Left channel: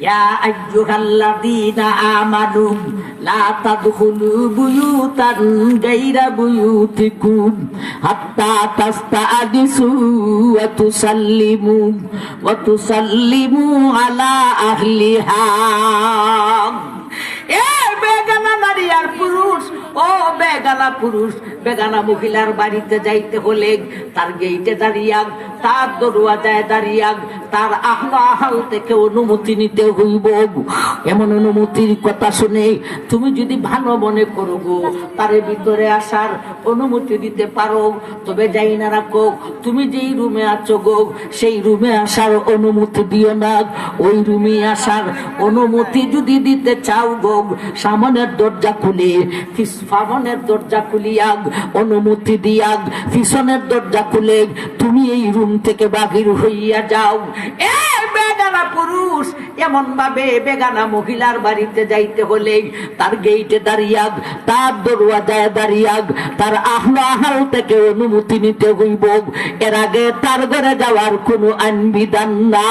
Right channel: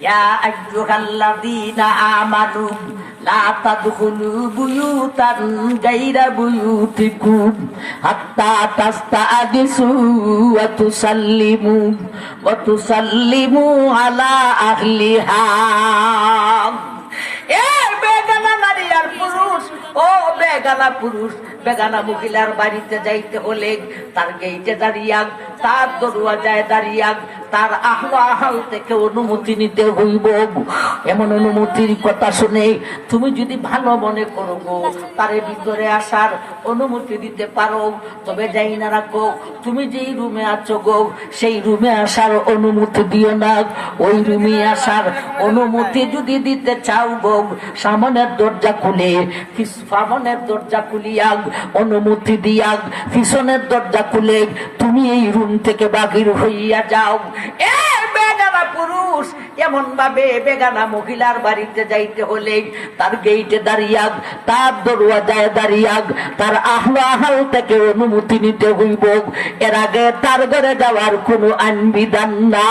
يا أيها الذين آمنوا لا تدخلوا بيوتا غير بيوتكم حتى تستأنسوا وتسلموا على أهلها বেগানা নারী আর পুরুষ, ও বেগানা পুরুষ বেগানা মহিলার বাড়িতে যাইতে হলে তার গেইটে দাঁড়িয়াক, তার দরওয়াজায় দাঁড়িয়াক, তার আহ্বান থেকে অনুমতি নিতে হইব। এমন অনুমতির কথা শুনে তুমি যদি ভালো মনে করো গো তার ভিতরে আসার অনুমতি দিতে পারো, তবে যাই না রাখো তুমি যেই রুমে আছো গো সেই রুমে আসার অনুমতি দিও না। ওই রুমে আসার অনুমতি যদি দিতে চাও গো সামনের দরজা খুলে সামনের দরজা খুলিয়াগ অনুমতি দিয়াগ পিছনের দরজা খুলে তুমি এই রুম থেকে বাহির হইয়া যাও। বেগানা পুরুষ এমন ভাবে বেগানা মহিলার বাড়িতে যাইতে হলে তার গেইটে দাঁড়িয়াগ, তার দরওয়াজায় দাঁড়িয়াগ, তার আহ্বান থেকে অনুমতি নিতে হইব। এর আগে তার ঘরে যাওয়ার কোনো আইন বিধান না।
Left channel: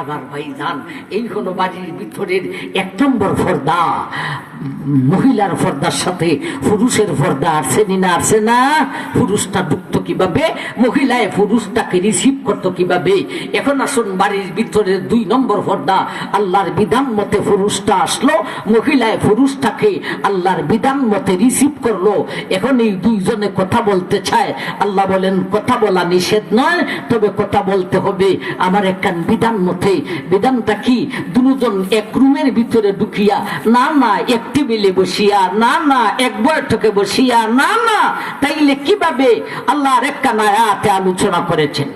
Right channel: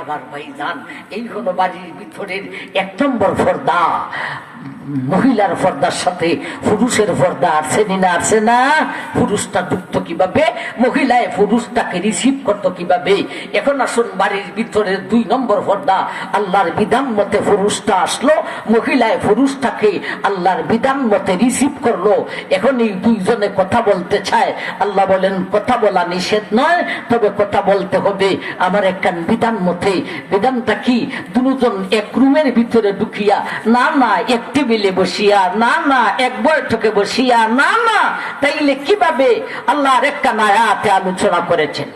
আবার ভাইজান এই হলো বাড়ির ভিতরের 1 নম্বর পর্দা। মহিলার পর্দার সাথে পুরুষের পর্দা আছে না, আছে না? পুরুষটা ঢুকতো কিভাবে, মহিলায় পুরুষটাকে রিসিভ করতো কিভাবে। এখন আসুন বাড়ির ভিতরের 2 নম্বর পর্দা। আল্লাহর বিধান মতে পুরুষটা আসলো, মহিলায় পুরুষটাকে আল্লাহর বিধান মতে রিসিভ করলো। এখন এই দুইজনে কথা বলতে চায়, আল্লাহ বলেন কথা বলা নিষেধ নয়, তবে কথা বলতে হবে আমার একখান বিধান মতে। বিধানটা কি? দুজন এক রুমের ভিতরে ঢুকিয়া, না না এক টেবিলে বসিয়া, না না এক বৈঠকে বসিয়া, না না, তাইলে কিভাবে আল্লাহ আরেকখান আয়াতে আলোচনা করেছেন।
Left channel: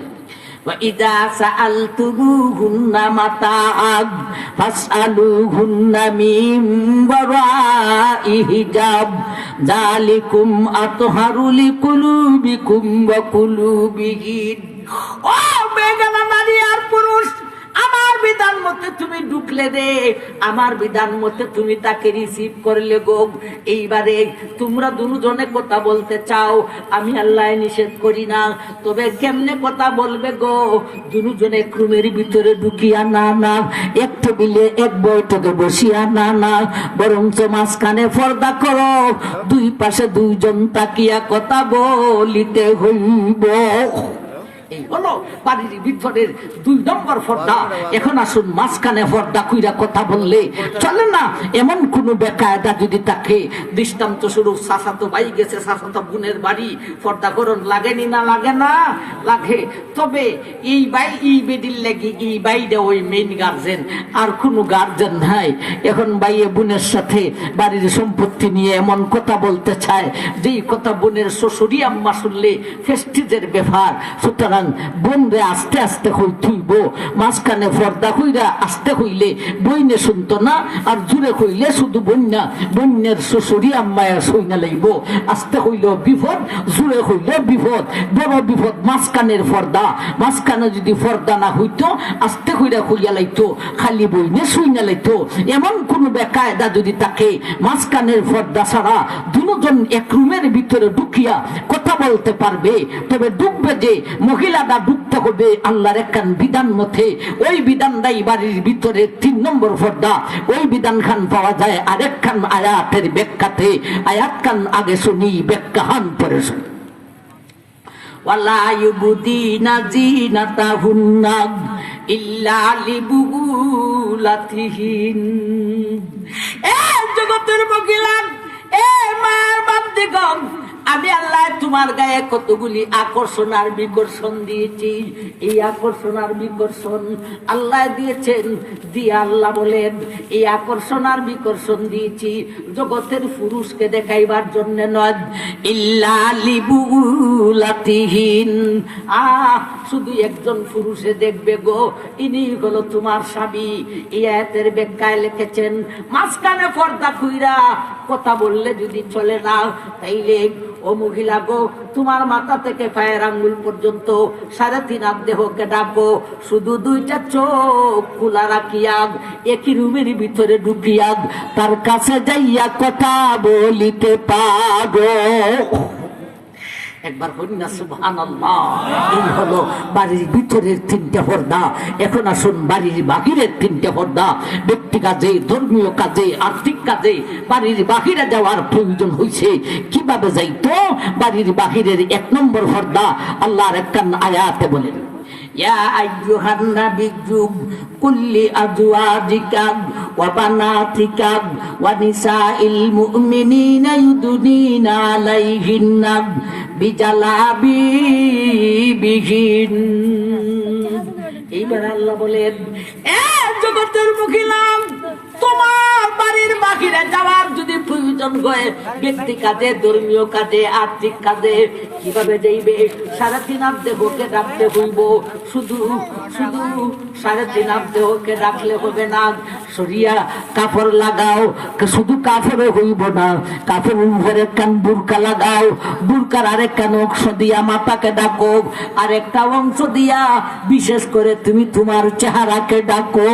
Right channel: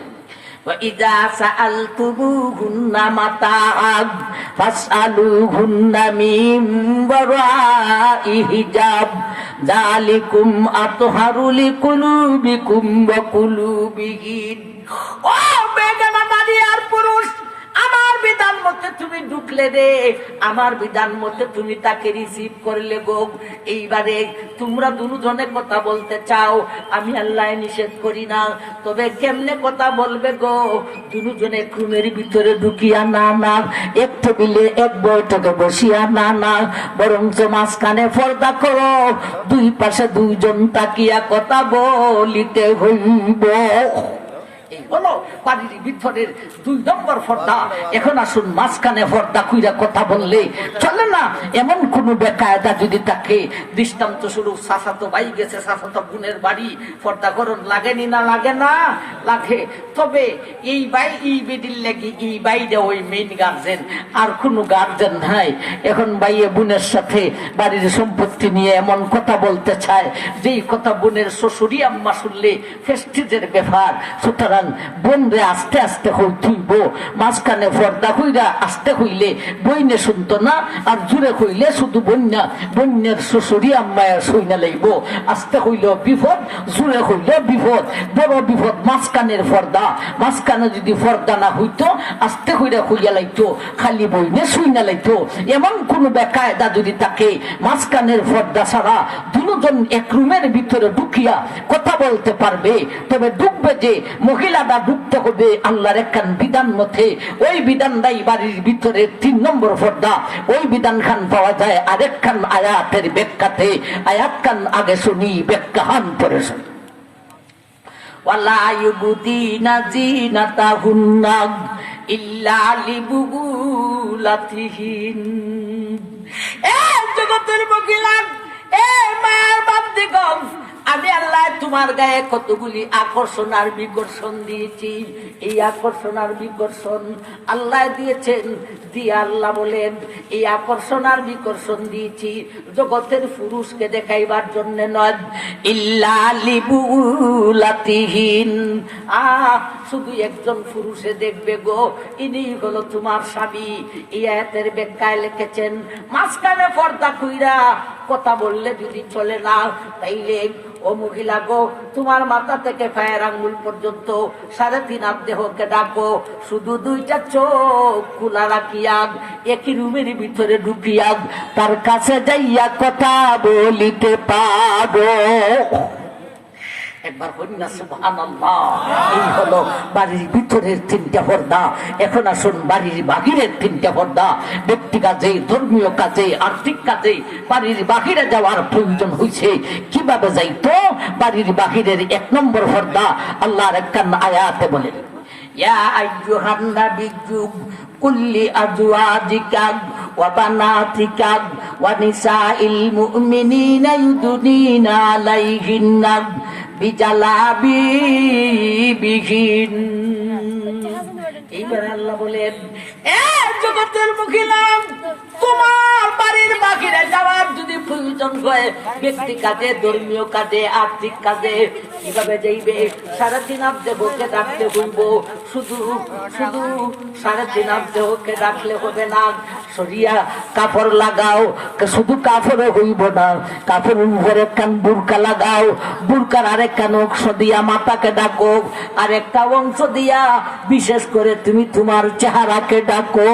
وَإِذَا سَأَلْتُمُوهُنَّ مَتَاعًا فَاسْأَلُوهُنَّ مِنْ وَرَاءِ حِجَابٍ ذَلِكُمْ أَطْهَرُ لِقُلُوبِكُمْ وَقُلُوبِهِنَّ। ও বেগানা নারী আর পুরুষ, আমার বিধান মতে তুমি ঢুকলে রে, আমার বিধান মতে তুমি তাকে রিসিভ করলে গো। এইবারে তোমরা দুজনে কথা বলতে চাও, আমি আল্লাহ নিষেধ করি না, তবে কেমনে কথা বলবে গো? দুজনে রুমের ভিতরে ঢুকিয়া, না না এক টেবিলে এক বৈঠকে বসিয়া, না না, বরঞ্চ মাঝখানে পর্দা করো, 2 পাশে 2 জন তাকিয়া কথা বলিতে হইব। এই হলো বাড়ির ভিতরের 2 নম্বর পর্দা। এখন আসুন মাঝখানে পর্দা কইরা কথা বললে চলে না। এমন কোন বেকায়দা যদি থাকে, দৃষ্টান্ত স্বরূপ চাচাতো ভাই গেছে চাচাতো বোনের বাড়ি, পর্দা করণ লাগেনি না? লাগে না? লাগে। তবে এই ভাই এই বেদির লেগে এই ভাইটা ওই মেইন গার্জেন, আর কোনো গার্জেন নাই। এখন ভাইয়ে বোনের সাথে বাড়ির সম্পত্তি নিয়ে এমন কথা বলতে চায় যেই কথা বোনের শ্বশুরি আম্মা শুনলে ফেস্টিজের ব্যাপার। সুতরাং বোনরে আস্তে আস্তে হইব, মাঝখানে পর্দা হইরা আস্তে হইলে বইনে শুনতো না, আর জুড়ে হইলে শুধু বন্যা বন্যের শ্বশুরি আম্মায় সইনা লাইব। আস্তে হইলেও বিপদ, জুড়ে হইলেও বিপদ, বড় বিপদ মাঝখানের পর্দা। মাঝখানে যদি পর্দা না হইতো আস্তে হইরা হইয়া লাইতো, খালি বইনে সইনা লাইতো। এমন কোন বেকায়দা যদি থাকে, মাঝখানের পর্দা ছাড়া দুজন এক রুমের ভিতরে ঢুকিয়া কথা বলতে পারবে, তবে ঢুকবে যে মহিলাটা ঢুকতে হবে আল্লাহর একখান বিধান মতে। ওই বিধানটাই বাড়ির ভিতরে 3 নম্বর পর্দা। ওই বিধান খান পাওয়া যায় আরেকখান আয়াতের ব্যাখ্যাতে। আয়াত খান আগে শুনি, ব্যাখ্যা হান পরে শুনি। ওয়ালা ইউবদিনা জিনাতাহুন্না ইল্লা লিবুলাতিহিন। জগতের মহিলা, মায়ের বান্দিগণ, আমি আল্লাহ তোমার গায়ে কতগুলি আকর্ষণ আর বিকর্ষণ দিয়েছি। এই আকর্ষণ আর বিকর্ষণ আল্লাহ দিয়েছেন, দিয়ে আল্লাহ বলেন এই আকর্ষণ আর বিকর্ষণ দিয়েছি জগতের পুরুষকে দেখাইবার জন্য নয়, ইল্লা লিবুলাতিহিন, শুধু একজন পুরুষে দেখবে গো, ইনি হলো তোমার স্বামী। এই আয়াতের ব্যাখ্যায় লিখেছেন মাঝখানে পর্দা কইরা কথা বললে যদি চলে না, তাইলে ও মহিলা গো, তোমার মাথা থেকে পায়ের আঙ্গুল পর্যন্ত 3.5 হাত দেহকে ডাকো, শুধু 2টা চোখ খোলা রাখিয়া একই রুমের ভিতরে ঢুকিয়া তার কাছে যাইয়া কথা বলিতে পারো। একবার বলি না সুবহানাল্লাহ। এই হলো বাড়ির ভিতরের তিনটা পর্দা। এখন আসুন বাড়ির বাহিরের তিনটা পর্দা। ব্যক্তি কাজে, ধর্মীয় কাজে, আর্থিক কাজে বাড়ির বাহিরে যাওয়ার প্রয়োজন হয়েছে। কিভাবে যাইতো? বাড়ির বাহিরের 1 নম্বর পর্দা আল্লাহর একটা আয়াতে বলেন, ইয়া আইয়ুহান নাবিয়্যু কুল্লি আজওয়াজিকা ওয়া বানাতিকা ওয়া নিসাইল মুমিনিনা ইউদনিনা আলাইহিন্না বিজালাবিবিহিন। এইবার আল্লাহ বলেন, এ জগতের মহিলা, তোমার বাড়ির বাহিরে যাওয়ার যদি প্রয়োজন হয়, ব্যক্তি কাজে, ধর্মীয় কাজে, আর্থিক কাজে, কিভাবে যাইবে? 3.5 দেহকে রাখতে হইব। শুধু শুধু 3.5 দেহকে রাখলে হবে না, সরিয়া কাপড় লাগাও। শুধু কাপড়ে হইব না, কাপড়ের উপরে কান বুরকা লাগাও, বুরকার আরেক কান অংশ দিয়া মাথাকে ডাকো, আরেকটা অংশ দিয়া বিশেষ করে তুমি তোমার চেহারাকে ডাকো।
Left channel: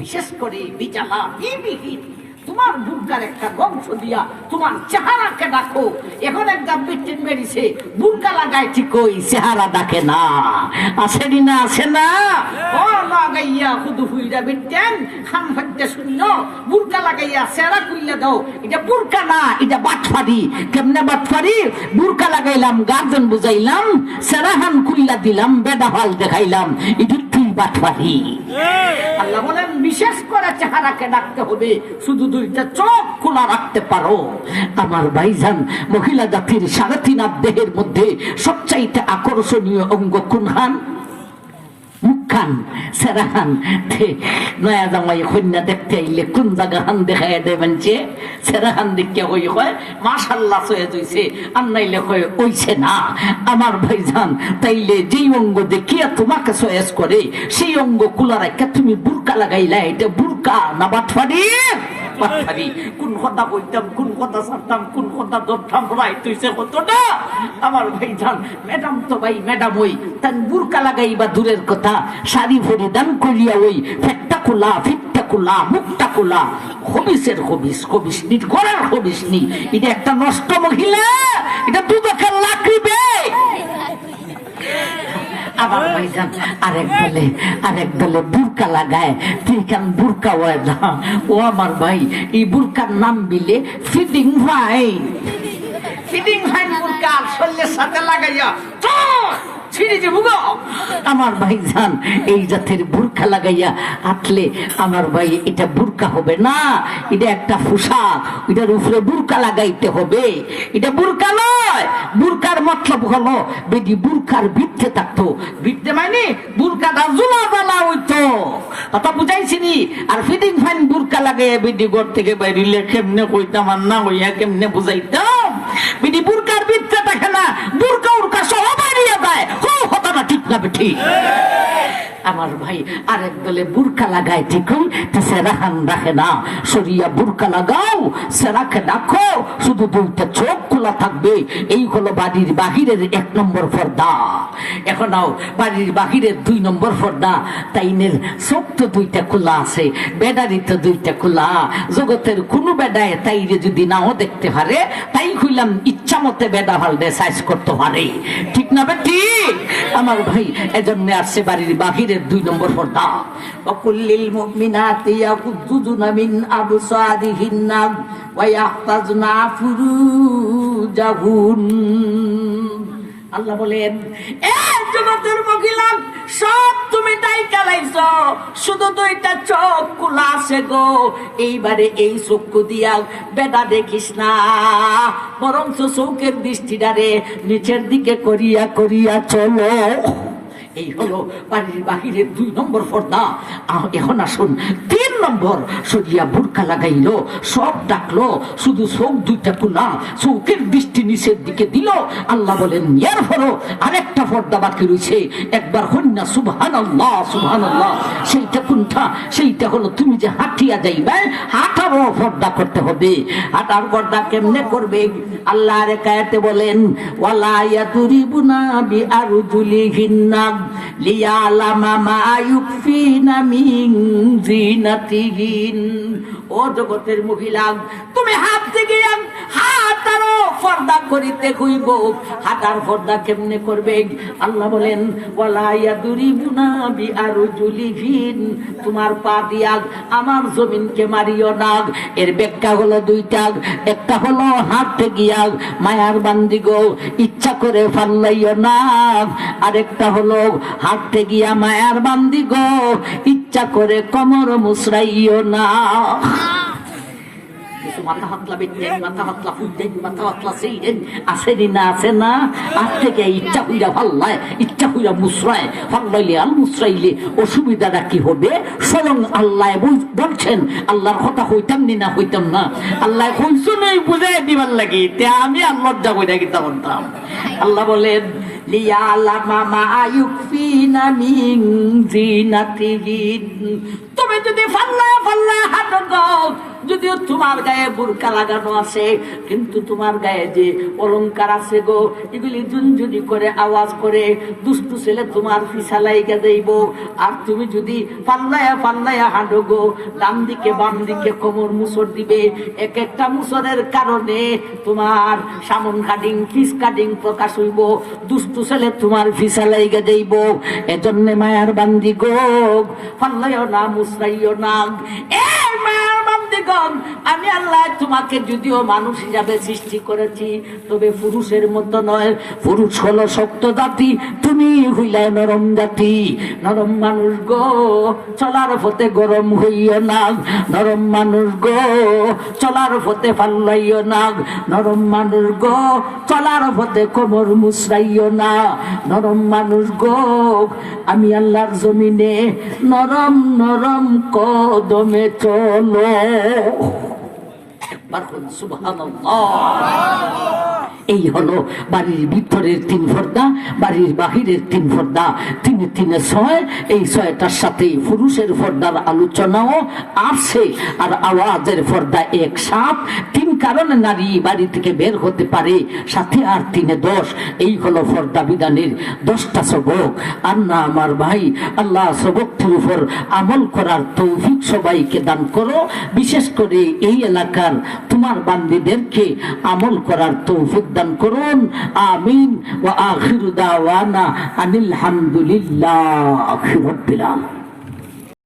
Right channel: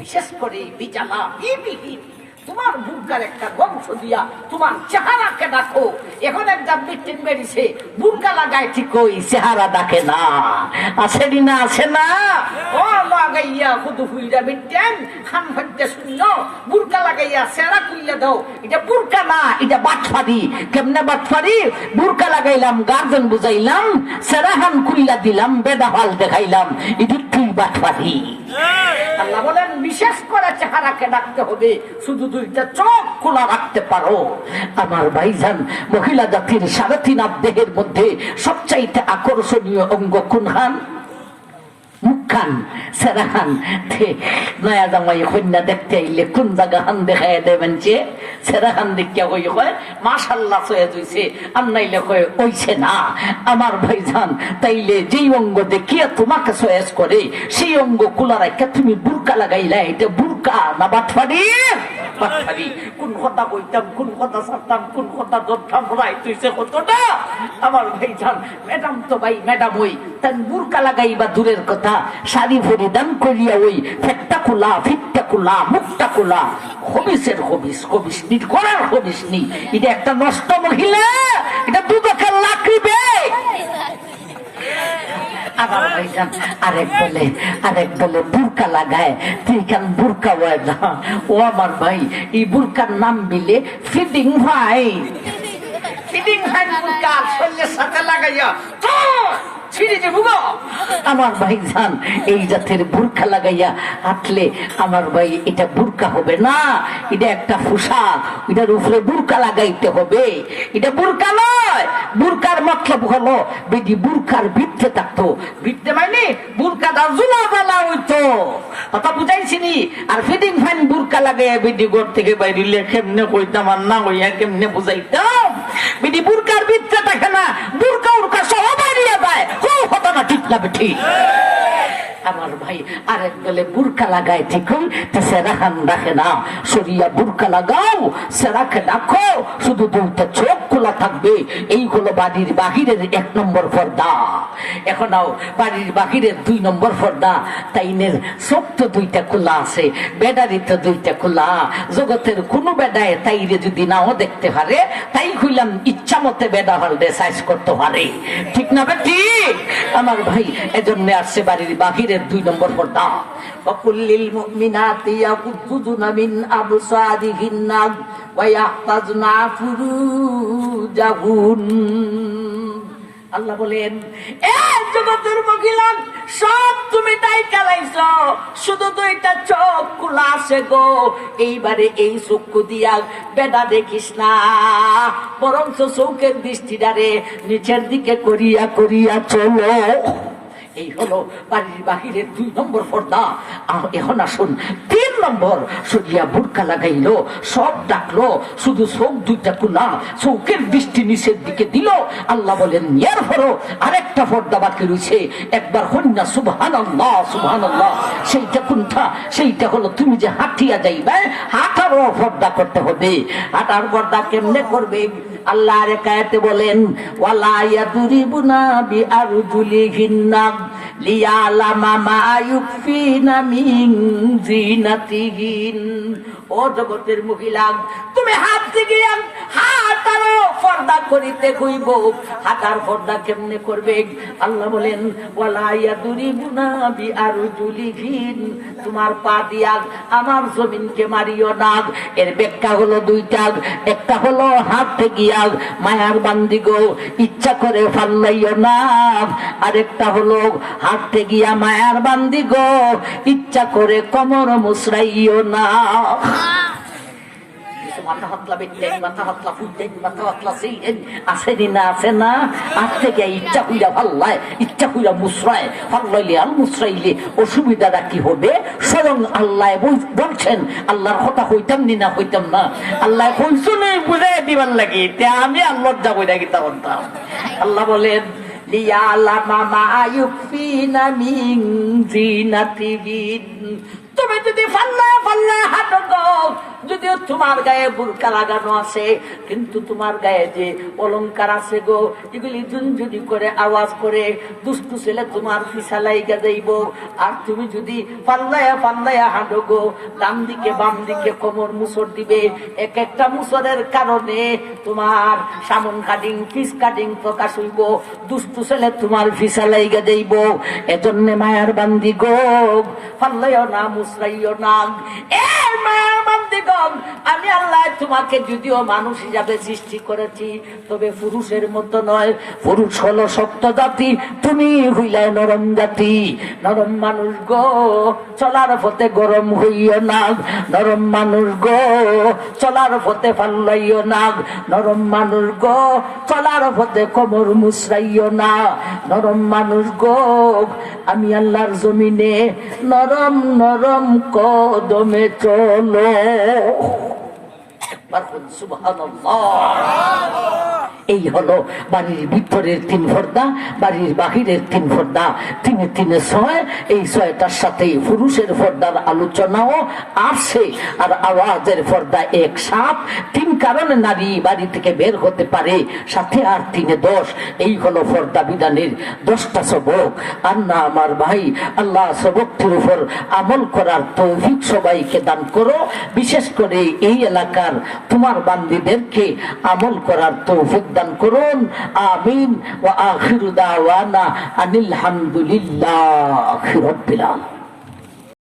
বিশেষ করে বিজালা বিবিহীন, তোমার বুরকার একটা বংশ দিয়া তোমার চেহারাকে ডাকো। এখন একদম বিটিন বেরিয়েছে, বুরকা লাগায় ঠিক ওই চেহারা ডাকে না। আসেনি না? আসে না? ও লাগাইয়া শুধু হুইরা বিটেন খাম হইতে শুনল, বুরকা লাগাইয়া চেহারা খুইলে দাও। এটা বুরকা না, এটা বাটফারি। কেমনে বাটফারি? বুরকা লাগাইলাম, গার্জেন বুঝাইলাম, চেহারাহান খুইলা দিলাম, বেদা ফাল দেখাইলাম, এটা তুই বাটফারি। আল্লাহ বলেন বিশেষ করে চেহারাকে ডাকতে হবে, শুধু 2টা চোখ খোলা রাখতে পারো। আমার ভাইজান, মহিলা জাতির 3.5 দেহের মধ্যে সবচাইতে আকর্ষণীয় অঙ্গ কোনখান? মুখখান, সেরাখান। নয়া জামাই কন্যা দেখতে আইলে কোন জায়গা হান দেখাই দেবেন যে সেরাখান দেখিয়া কই হয় মাশাআল্লাহ সয়ে হইছে, আর নাইলে কয় হইছে না। আমার ভাইজান, তাইলে যেই অঙ্গ দেখিয়া তোমাকে সয়েস করে সেই অঙ্গ খোলা রাখা তুমি বুরকা লাগাইলা, এটা বুরকা না বাটফারি? বাটফারি। কোন কথা কইতাম, কোন কথা ছাড়তাম, কোন কথা ধরতাম, রাইট হইছে কতটা। আমার ভাইজান, ম্যাডাম তো ভাই ম্যাডাম ওই তার বুরকা লাগাইবা দূরের কথা, শাড়ি পরিধান করিয়া ওই পেটটা খোলা, ফিটটা খোলা, মুখটা খোলা, হবিসের হবিস, হবিস নি, ঘরের হবিস নি। এটা একটা নষ্ট মহিলা, এটা দুদকের লাকড়ি বে। আমার ভাইজান আরেক দলে বুরকা লাগায়, তুই কেন বুরকা হয় না? ও আমার ভাই, এই বুরকার নাম মিলে ফিডিং ভাই। ফিডিং ভাই বুরকা শরীরের সাথে লাগাইয়া আমার ভাইজান, এই জাতের বুরকা লাগাইয়া হাঁটলে আমার ভাই এটা বুরকা হবে না, এটা একটা পোশাক। এটার উপরে বুরকা লাগাইতে হবে, এটা বুরকা নয়। বুরকার মতলব হলো বেদি বুরকার ভিত্তে থাকতো, ভিত্তে মানে বুরকাটা জুলা বলা হইতো, কথা বুঝাইছিনি? আর ফিডিং ফাইন বুরকা লাগাইয়া বেদি ঘর থেকে বাইরে কেমনে কইতাম, আর না হইয়া কেমনে বুঝাইতাম? বেদি বুরকার ভিত্তে থাকে না, বুরকা উরকা সহ বাইরিয়া যায়। ঠিক না ঠিক? আমার ভাই, আরেক দলে বুরকা লাগায় ঠিকই, সেরাহান রাখে না। সরিয়া বুরকা লাগাও, সেরাকে ডাকো, শুধু 2টা চোখ খোলা থাকবে। এই হলো বাড়ির বাহিরের 1 নম্বর পর্দা। এখন বাড়ির বাহিরের 2 নম্বর পর্দা। তাইনের চোখ তো 2টা খোলা আছে, বেডারি তো 2টা খোলা। জগতের কোনো বেডায় তাইরে যদি নাও দেখতে পারে, তাই কইলাম ইচ্ছা মতে বেডা হালদে সাইজ করতে পারে। ঠিক না ঠিক? আমার ভাই, এজন্য আসছে বাড়ির বাহিরের 2 নম্বর পর্দা। ওয়াকুল্লিল মুমিনাতি ইয়াকুদ্দুনা মিন আবসারিহিন্না ওয়া ইয়াহফাজনা ফুরুজাহুন। আল্লাহ বলেন, এ জগতের মহিলা, সব তুমি তাই চালাইছ, শুধু 2টা চোখ খোলা আছে গো। এইবারে এই চক্ষু দিয়া বেদা দেখিস না, বরং চোখের দৃষ্টিটারে নিচের দিকে করিয়া করিয়া চলো। এই হলো বাড়ির বাহিরের 2 নম্বর পর্দা। এখন আসুন 3 নম্বর। সরিয়া বুরকা লাগাইলো, সব ডাকলো, শুধু চোখ 2টা খোলা, চোখের দৃষ্টি নিচের দিকে দিল। আল্লাহ বলেন, এরপরও আরেকটা পর্দা বাকি রয়েছে। একবার কন্যা সুবহানাল্লাহ, সুবহানাল্লাহ। সেইটা কোনটা? সেইটা হলো তুমি যে হাঁটিয়া যাইবে, হাঁটারও পর্দা করতে হবে। হাঁটার পর্দা কেমনে করবে? আল্লাহর আয়াতে বলেন, ওয়ালা ইয়াদরিবুনা বিআরজুলিহিন্না লিয়ালামা মা ইউকফিনা মিন জিনাতিহিন। ও জগতের মহিলা, তুমি হাত দিকে হাঁটারও পর্দা করিতে হইব। হাঁটার পর্দা কেমনে করবে? আল্লাহ বলেন ওয়ালা ইয়াদুরিবুনা বিআরজুলিহিন, তোমার পা দিয়া আমার জমিনকে মারিও না। এর ব্যাখ্যা হলো দুইটা, একটা হলো হাঁটতে গিয়া মায়ার বান্দি গো ইচ্ছা করে ফাল্লাইও না, আরেকটা হলো হাঁটতে গিয়া মায়ার বান্দি গো ইচ্ছা করে কোমর মুসরাইও না। মাথা হাতলা বেঁচে মাথা হাতলা ফুটেন মাথা হাতলা সেইন আসেনি না, আসে না। আজ থেকে ইচ্ছা হইয়া ফাল্লায়, ইচ্ছা হইয়া মুসরায়, ফাল্লাইলে আর মুসরাইলে অসুবিধাটা কি হবে? স্বয়ং আল্লাহ বলছেন, আল্লাহর কথা হইতাম নি না হইতাম না, আল্লাহ কইছো নেই বুঝাই দিবার লাগে, আমি আল্লাহর যা বইটা গীতা বলতাম। আল্লাহ বলেন লিয়ালামা মা ইউকফিনা মিন জিনাতিহিন, তুমি যদি ফাল্লায় ফাল্লায় হাঁটো গো, যদিও তোমার গায়ে বুরকা লাগানো আছে কিন্তু তোমার গায়ে যে অলংকার আছে গো, এগুলি জুনজুনি করে আওয়াজ করে দুষ্টু ছেলে তোমার ফিসালাই যাইব। আর তুমি যদি পাল্লায়া পাল্লায়া হাঁটো গো, ডান দিকে বাম দিকে কোমর মুসর দিবে, এক একটা মুসরের কারণে তোমার সামন কাটিং ফিস কাটিং প্রকাশ হইব, দুষ্টু ছেলে তোমার ফিসালাই যাইব। এজন্য মায়ার বান্দি গো পাল্লাইও না মুসরাইও না। এই মায়ার বান্দি গো, আমি আল্লাহ তোমাকে যদিও মানুষ হিসাবে সৃষ্টি করেছি, তবে পুরুষের মতো নয়। পুরুষ হলো শক্ত জাতি, তুমি হইলাই নরম জাতি। নরম মানুষ গো চলার পথে গরম হইও না, নরম মানুষ গো চলার পথে ফাল্লাইও না, নরম মানুষ গো চলার পথে কোমর মুসরাইও না। নরম মানুষ গো আমি আল্লাহর জমিনে নরম নরম কদমে চলো। এই হলো বাড়ির ভিতরের 3 পর্দা, বাড়ির বাহিরের 3 পর্দা, 3 3 6। এই 6টার সাথে পুরুষের পর্দার আলোচনাও আসছে, আর আওয়াজের পর্দা 1 7। 3 কারণে নারী বাড়ি থেকে বের হতে পারে, সাথে আর 3 10। এই হলো পর্দা বিধানের 10টা সবক। আর না আমার ভাই, আল্লাহ সবকটির উপর আমল করার তৌফিক সবাইকে দান করো, বিশেষ করে এই এলাকার তোমার বান্দীদেরকে আমল করার তৌফিক দান করুন। আমিন। ওয়া আখিরু দাওয়ানা আনিল হামদুলিল্লাহি রাব্বিল আলামিন।